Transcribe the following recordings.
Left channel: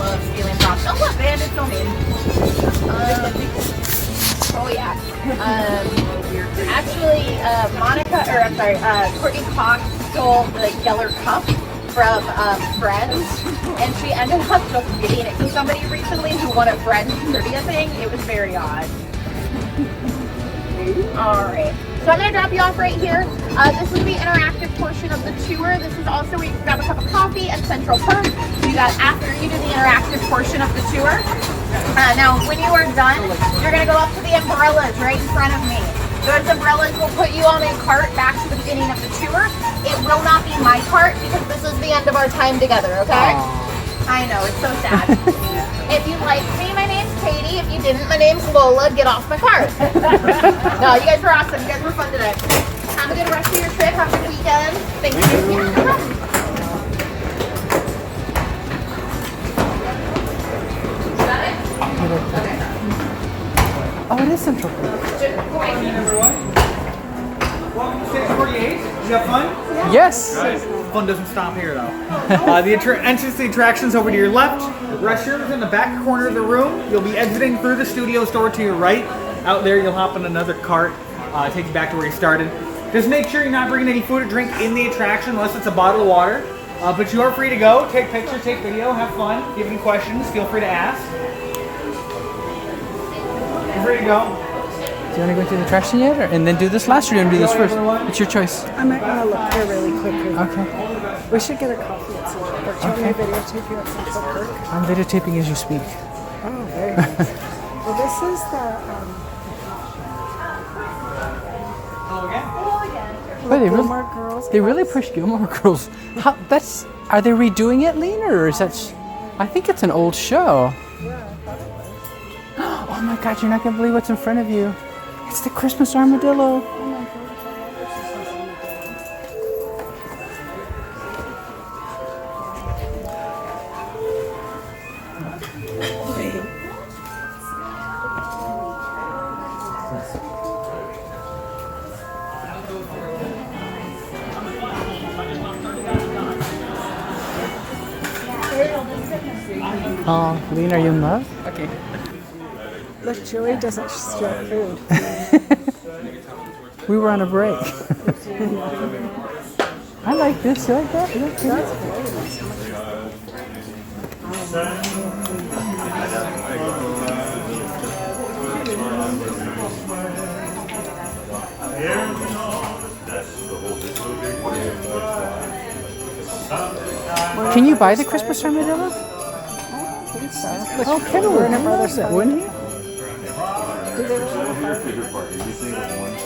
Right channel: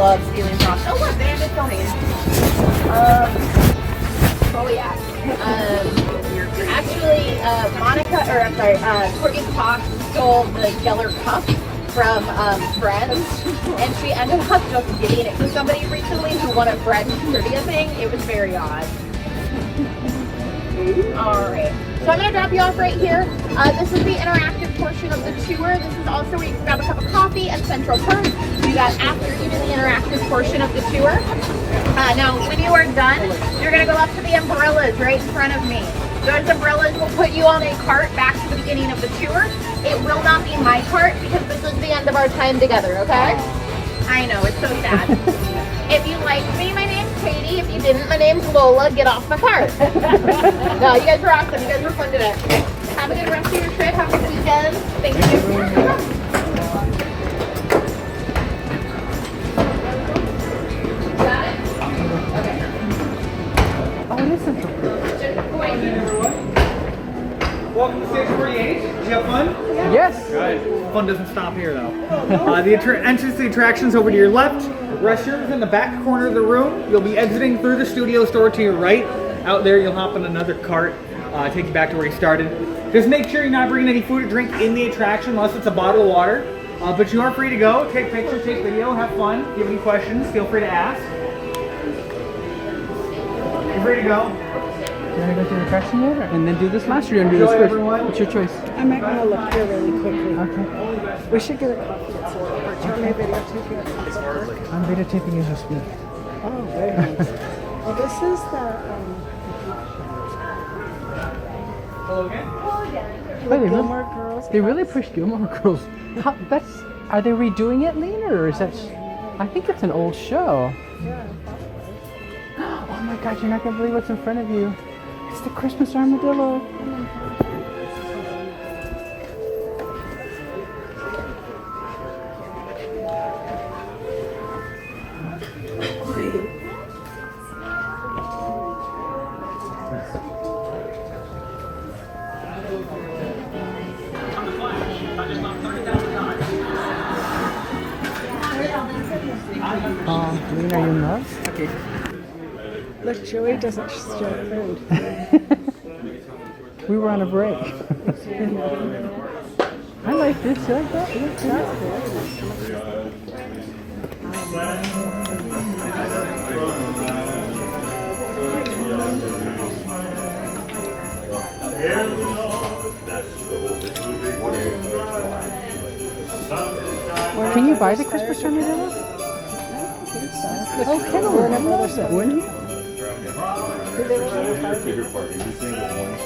love stealing props. Oh look, man, it's filming. Oh yeah. Actually, Courteney Cox stole the Geller cup from Friends, and she ended up just giving it to somebody recently who won a Friends trivia thing. It was very odd. Alright, so I'm going to drop you off right here. This is the interactive portion of the tour. This is also where you can grab a cup of coffee at Central Perk. You got after you do the interactive portion of the tour. Now, when you are done, you're going to go up to the umbrellas right in front of me. Those umbrellas will put you on a cart back to the beginning of the tour. It will not be my cart because this is the end of our time together, okay? I know, it's so sad. If you like me, my name's Katie. If you didn't, my name's Lola. Get off my cart. No, you guys were awesome. You guys were fun today. Have a good rest of your trip. Have a good weekend. Thank you. Got it? Okay. Oh, it is Central Perk. Everyone, welcome to stage 48. Did you have fun? Yes. Guys, fun doesn't stop here though. The entrance to the attractions over to your left. Restrooms in the back corner of the room. You'll be exiting through the studio store to your right. Out there, you'll hop on another cart. Take you back to where you started. Just make sure you're not bringing any food or drink in the attraction unless it's a bottle of water. But you are free to go. Take pictures, take video, have fun. If you have any questions, feel free to ask. You're free to go. Do you want to go to the attraction yet, and then do this last, or do you want to do this first? Everyone. It's your choice. I might want to look here really quickly. Okay. We should get a coffee at Central Perk. Do you want me to videotape you at Central Perk? I'm videotaping as you speak. Oh, very nice. Well, this is the Wait, Gilmore Girls. They really pushed Gilmore Girls. How, are they redoing it, Lena, or is that? I think it's an old show. Yeah, I thought it was. Oh my God! You're not gonna believe what's in front of you. It's the Christmas armadillo. Oh, Lena, are you in love? Okay. Look, Joey doesn't steal food. We were on a break. I like this. You like that? That's very nice. Can you buy the Christmas armadillo? Oh, Kevin would have other set, wouldn't he?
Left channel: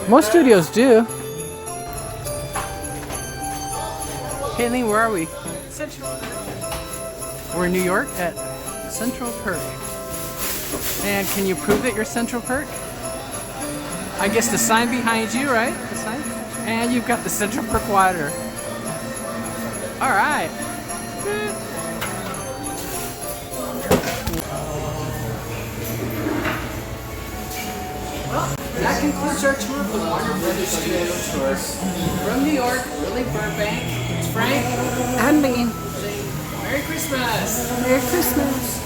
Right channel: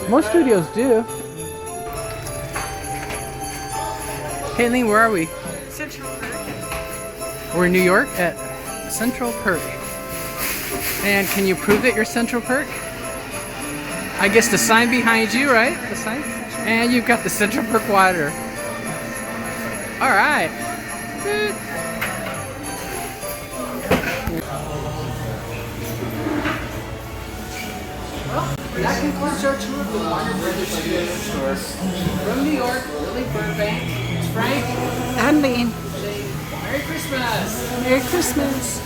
Most studios do. Caitlin, where are we? Central Perk. We're in New York at Central Perk. And can you prove that you're Central Perk? I guess the sign behind you, right? The sign? And you've got the Central Perk water. All right. Well, that concludes our tour of the Warner Brothers Studio Tour. From New York, Lily Burbank, it's Frank, And me. saying Merry Christmas! Merry Christmas.